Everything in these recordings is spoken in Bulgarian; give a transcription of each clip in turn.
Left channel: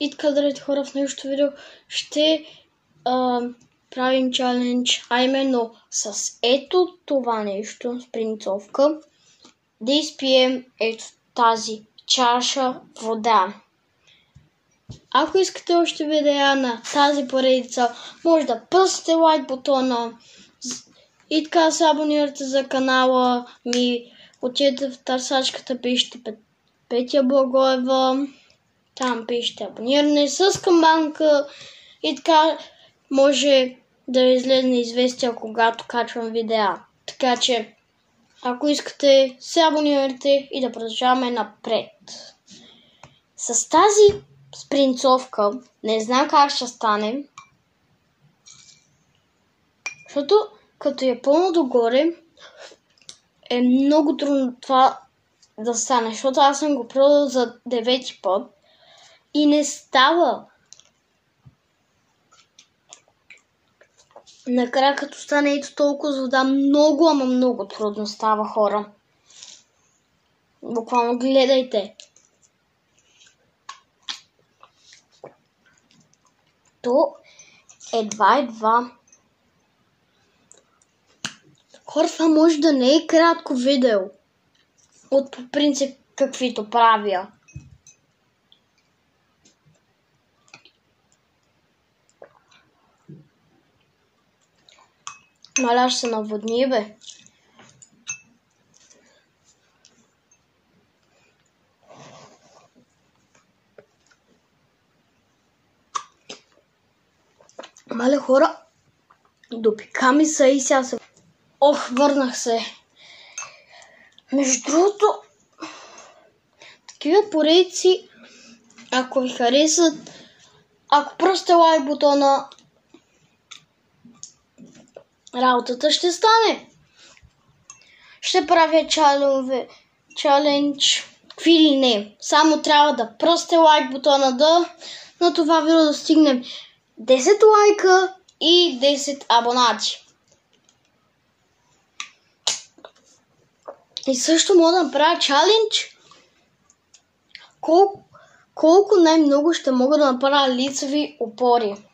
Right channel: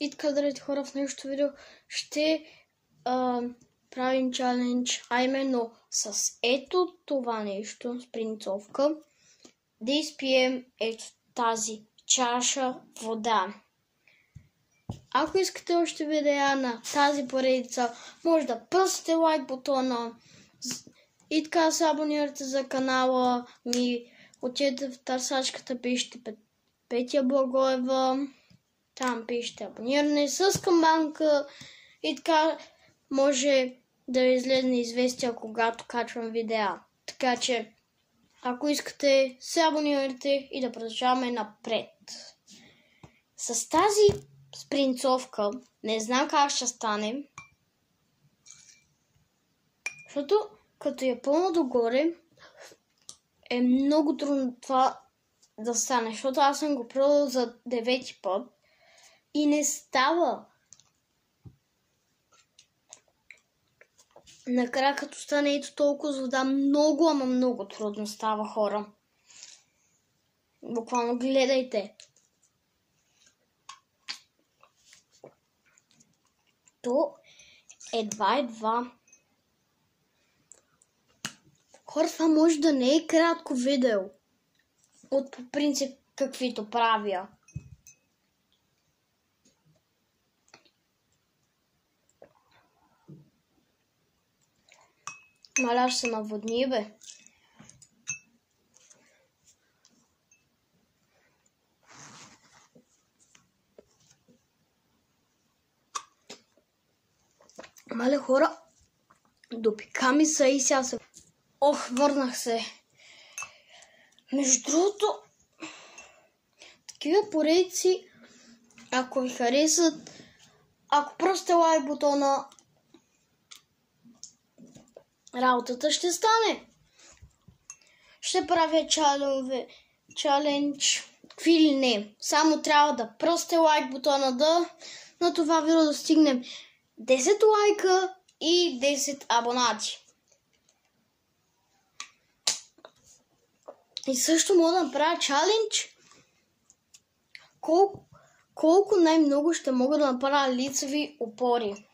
И така, драги хора, в днешното видео ще правим чалендж, а именно с ето това нещо, спринцовка, да изпием ето тази чаша вода. Ако искате още видеа на тази поредица, може да пръснете лайк бутона и така се абонирате за канала ми. Отидете в търсачката, пишете Петя Благоева. Там пишете абониране с камбанка и така може да излезне известия, когато качвам видеа. Така че, ако искате, се абонирайте и да продължаваме напред. С тази спринцовка не знам как ще стане, защото като е пълно догоре е много трудно това да стане, защото аз съм го пробвал за 9 път и не става. Накрая като стане ето толкова с вода, много, ама много трудно става, хора. Буквално гледайте. То едва. Хора, това може да не е кратко видео. От по принцип каквито правя. Маля, ще се наводни, бе. Мале, хора, допика ми се и сега се... Ох, върнах се. Между другото, такива поредици, ако ви харесат, ако пръсте лайк бутона, работата ще стане. Ще правя чалендж, какви ли не. Само трябва да пръсте лайк бутона на това видео да стигнем 10 лайка и 10 абонати. И също мога да направя чалендж колко най-много ще мога да направя лицеви опори.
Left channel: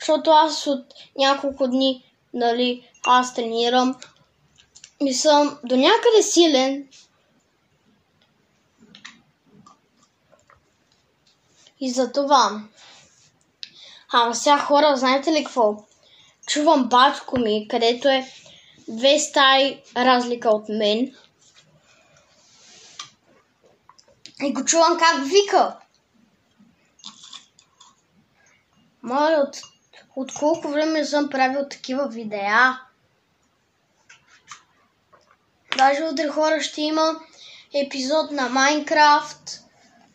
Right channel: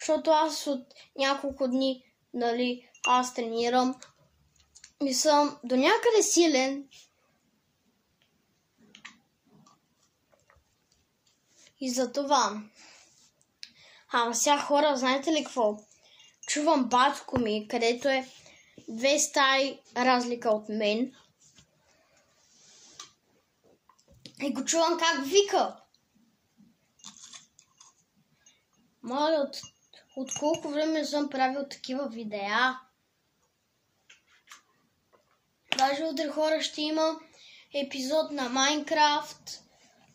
Защото аз от няколко дни, аз тренирам и съм до някъде силен. И за това. Ама сега, хора, знаете ли какво? Чувам батко ми, където е 2 стаи разлика от мен. И го чувам как вика. Моля, от колко време съм правил такива видеа. Даже утре, хора, ще има епизод на Майнкрафт.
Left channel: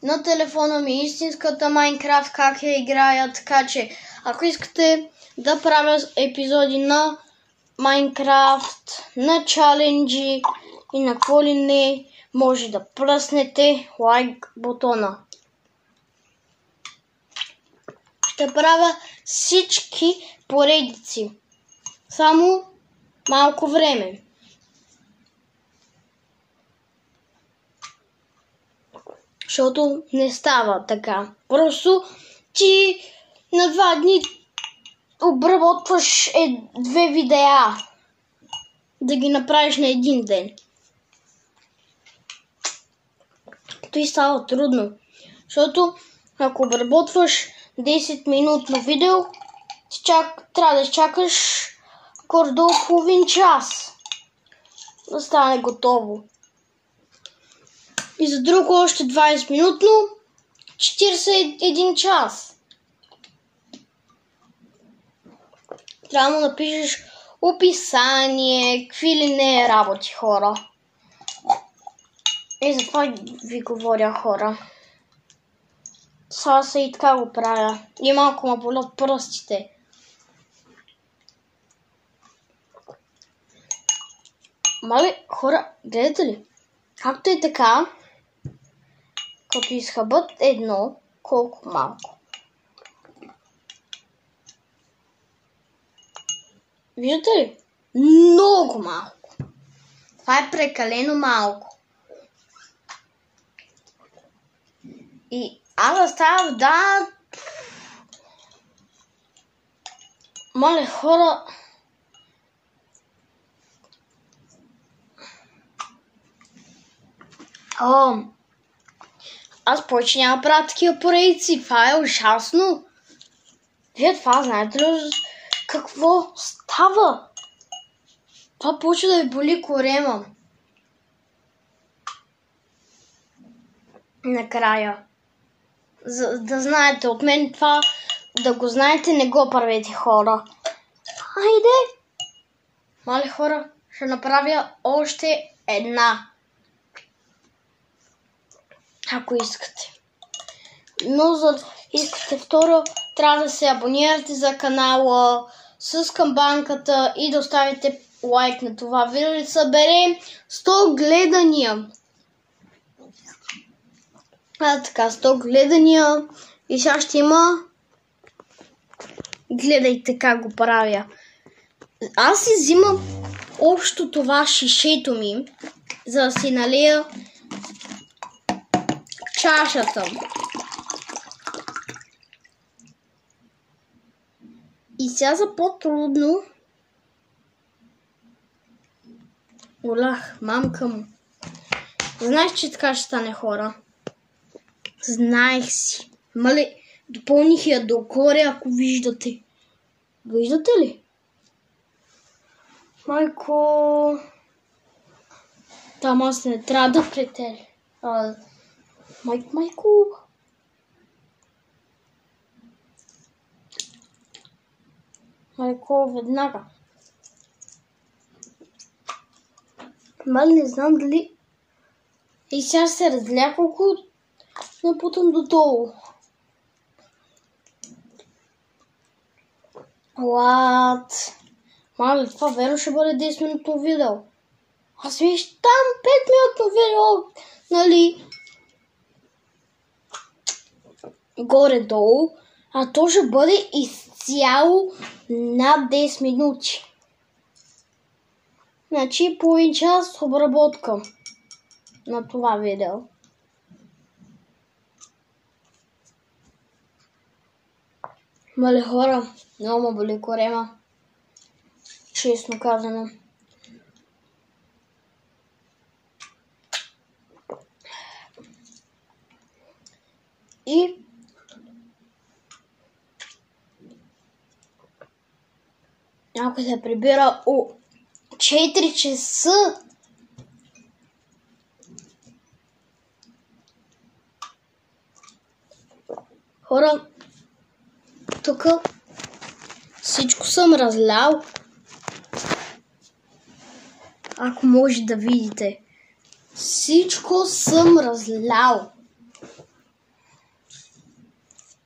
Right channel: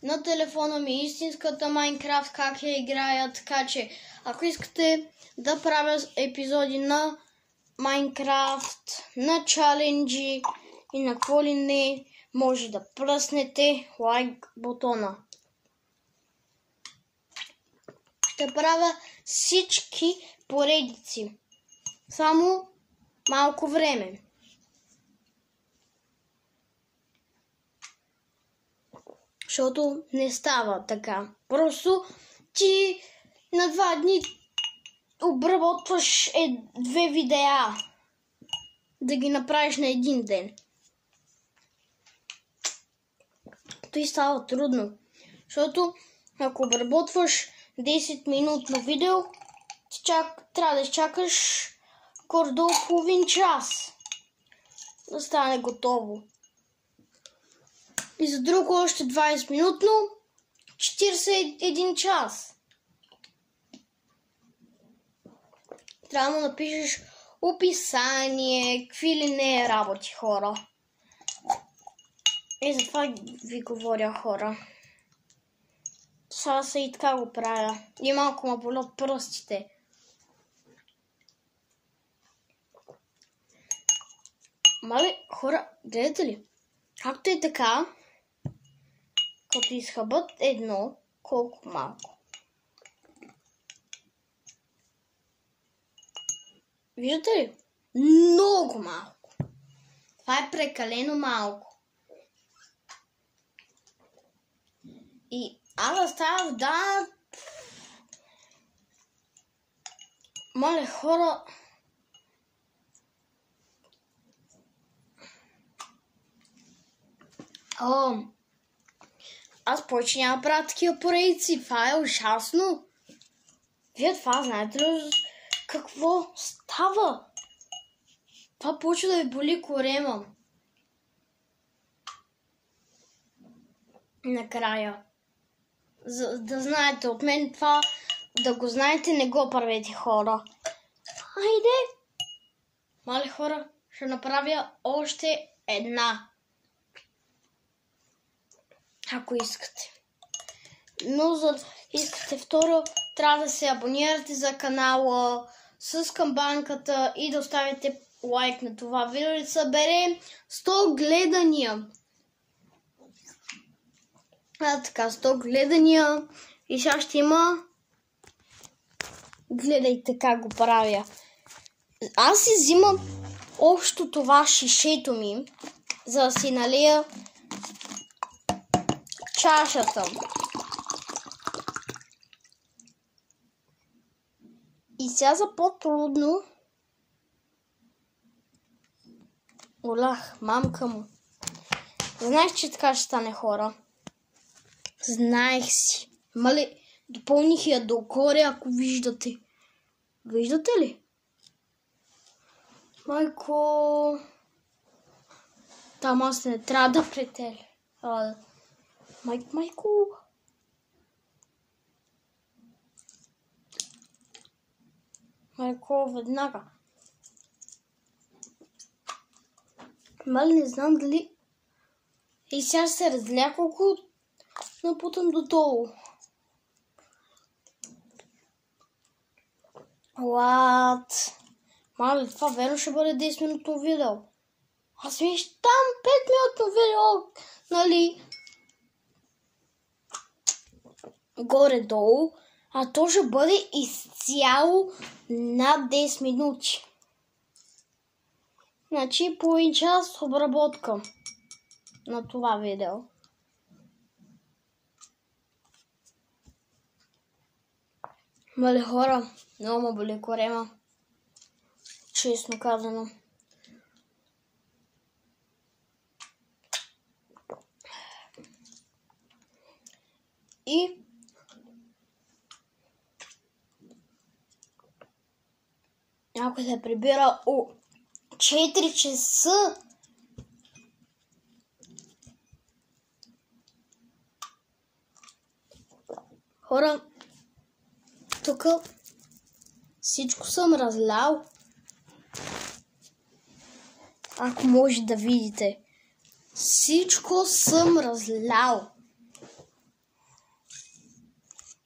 На телефона ми истинската Майнкрафт, как я играя. Така че, ако искате да правя епизоди на Майнкрафт, на чаленджи и на какво ли не, може да пръснете лайк бутона. Ще правя всички поредици. Само малко време. Защото не става така. Просто ти на 2 дни обработваш 2 видеа. Да ги направиш на един ден. Това става трудно. Защото ако обработваш 10-минутно видео, трябва да изчакаш горе-долу половин час да стане готово. И за друго още 20-минутно 41 час. Трябва да напишеш описание, какви ли не работи, хора. И затова ви говоря, хора. Сега и така го правя. И малко ме болят пръстите. Мале, хора, гледате ли? Както е така, като изхъбат едно, колко малко. Виждате ли? Много малко. Това е прекалено малко. И Аз с тази вода... Мале хора... Аз повече няма правя такива поредици. Това е ужасно. Вие това знаете ли какво става? Това почва да ви боли корема. Накрая. За да знаете от мен това, да го знаете, не го правете, хора. Хайде! Мале хора, ще направя още една. Ако искате. Но за да искате второ, трябва да се абонирате за канала с камбанката и да оставите лайк на това видео. Да съберем 100 гледания. Така, 100 гледания. И сега ще има... Гледайте как го правя. Аз си взимам общо това шишето ми, за да си налия чашата. И сега за по-трудно... Олах, мамка му. Знаех, че така ще стане, хора. Знаех си. Мале, допълних я догоре, ако виждате. Виждате ли? Майко... Там аз не трябва да претели. Майко... Майко, веднага. Мали, не знам дали... И сега се разля колко напутам додолу. What? Мали, това верно ще бъде 10-минутно видео. Аз виж там 5-минутно видео, нали? Горе-долу. А то ще бъде изцяло над 10 минути. Значи половин час обработка на това видео. Мале хора, много ме боли корема. Честно казано. И ако се прибира о 4 часа, хора, тук всичко съм разлял. Ако може да видите. Всичко съм разлял.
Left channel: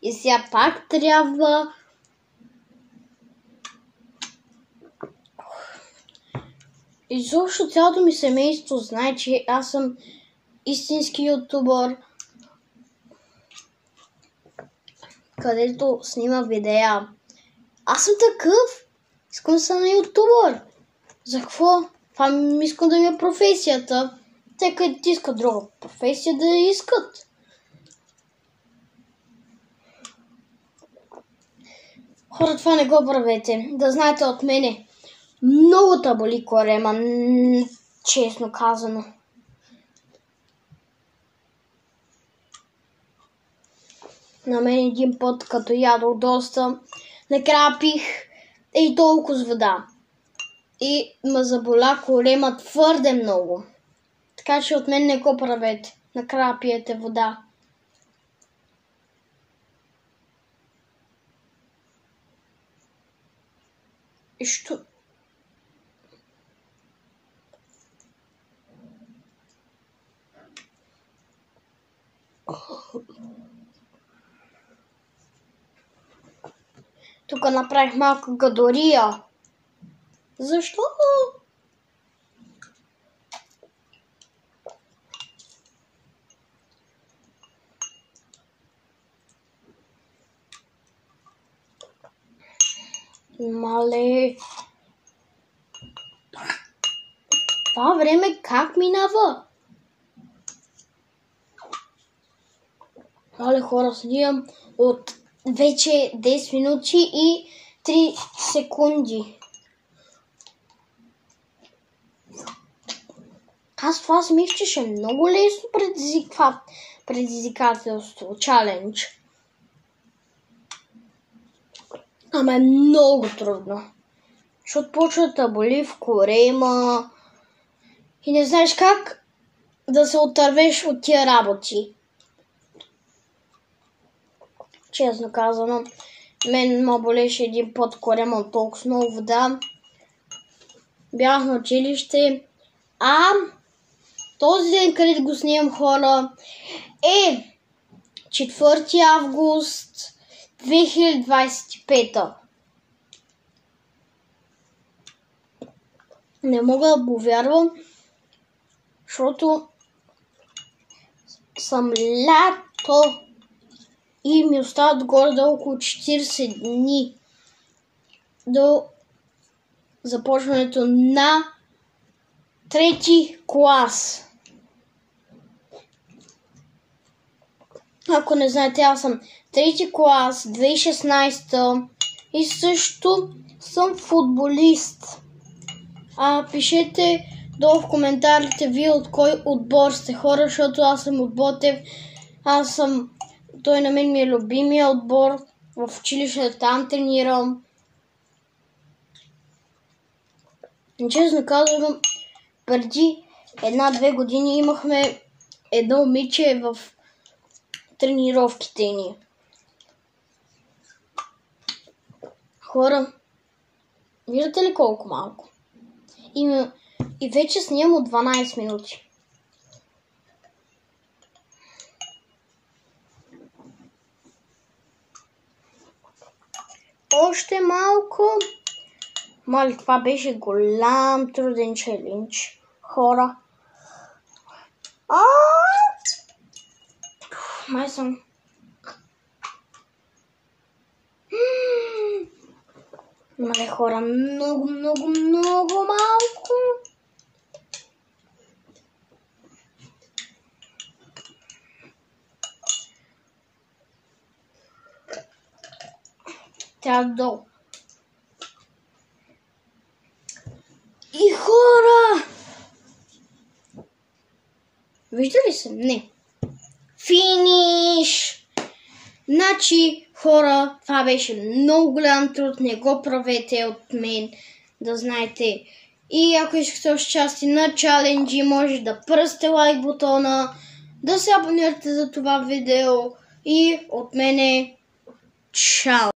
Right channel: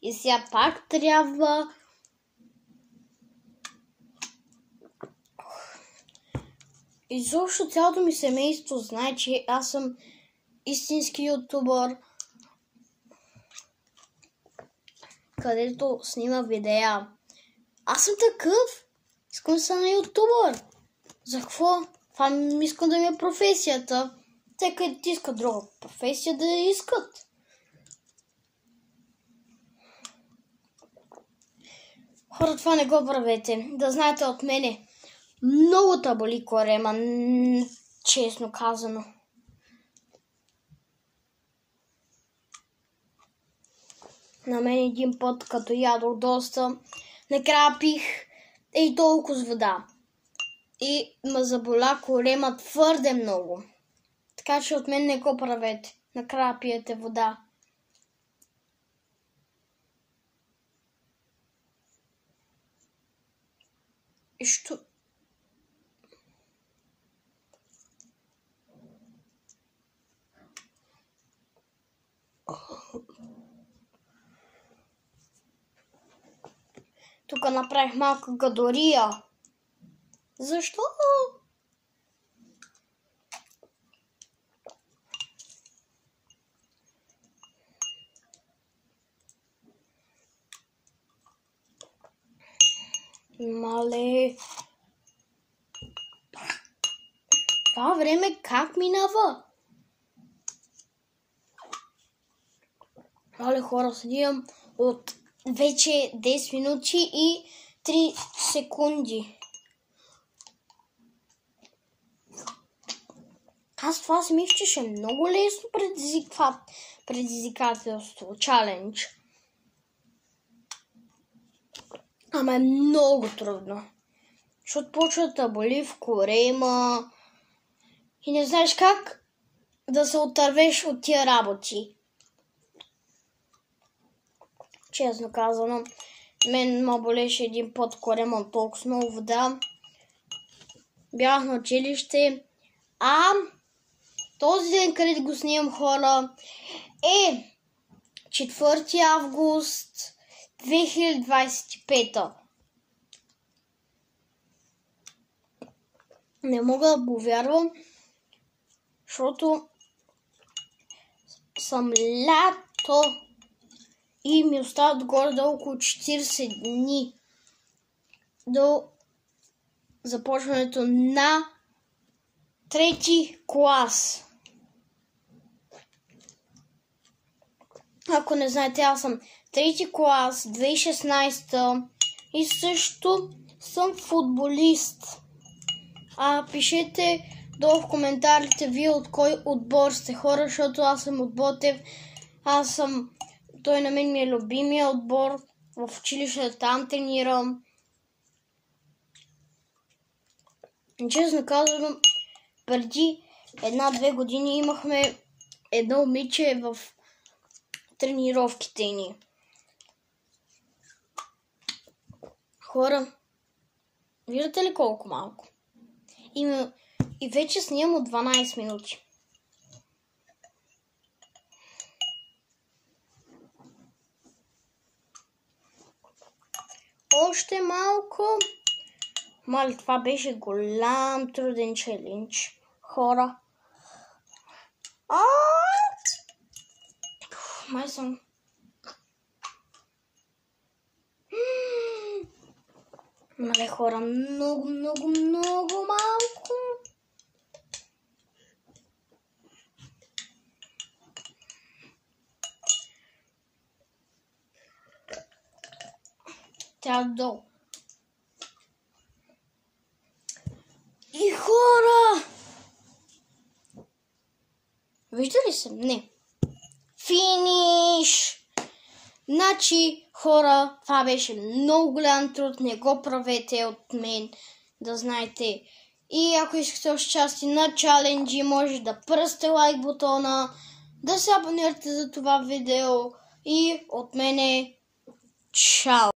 И сега пак трябва... Изобщо цялото ми семейство знае, че аз съм истински ютубър, където снима видеа. Аз съм такъв. Искам да съм ютубър. За какво? Това ми искам да ми е професията. Те където искат друга професия да я искат. Хора, това не го правете. Да знаете от мене. Много та боли корема, честно казано. На мен един път, като ядох доста, накрая пих и толкова с вода. И ме заболя корема твърде много. Така че от мен не го правете. Накрая пиете вода. И що... Тук направих малка гадория. Защо? Мале. Това време как минава? Але хора, снимам от вече 10 минути и 3 секунди. Аз това си мисля, че ще е много лесно предизвикателство, чалендж. Ама е много трудно. Защото почва да боли в корема и не знаеш как да се отървеш от тия работи. Честно казано, мен ме болеше един път корема от толкова много вода. Бях на училище, този ден, където го снимам, хора, е 4 август 2025. Не мога да повярвам, защото съм лято и ми остават горе около 40 дни до започването на 3 клас. Ако не знаете, аз съм 3 клас, 2016 и също съм футболист. Пишете долу в коментарите вие от кой отбор сте, хора, защото аз съм от Ботев. Той на мен ми е любимия отбор в училище, там тренирам. Честно казвам, преди 1-2 години имахме едно момиче в тренировките ни. Хора, виждате ли колко малко? И вече снимам от 12 минути. Още малко. Мали, това беше голям труден челендж. Хора. Май съм. Мали, хора, много малко. Трябва долу. И хора! Вижда ли се? Не. Финиш! Значи, хора, това беше много голям труд. Не го правете от мен, да знаете. И ако искате участие на чаленджи, може да пръсте лайк бутона, да се абонирате за това видео. И от мене, чао!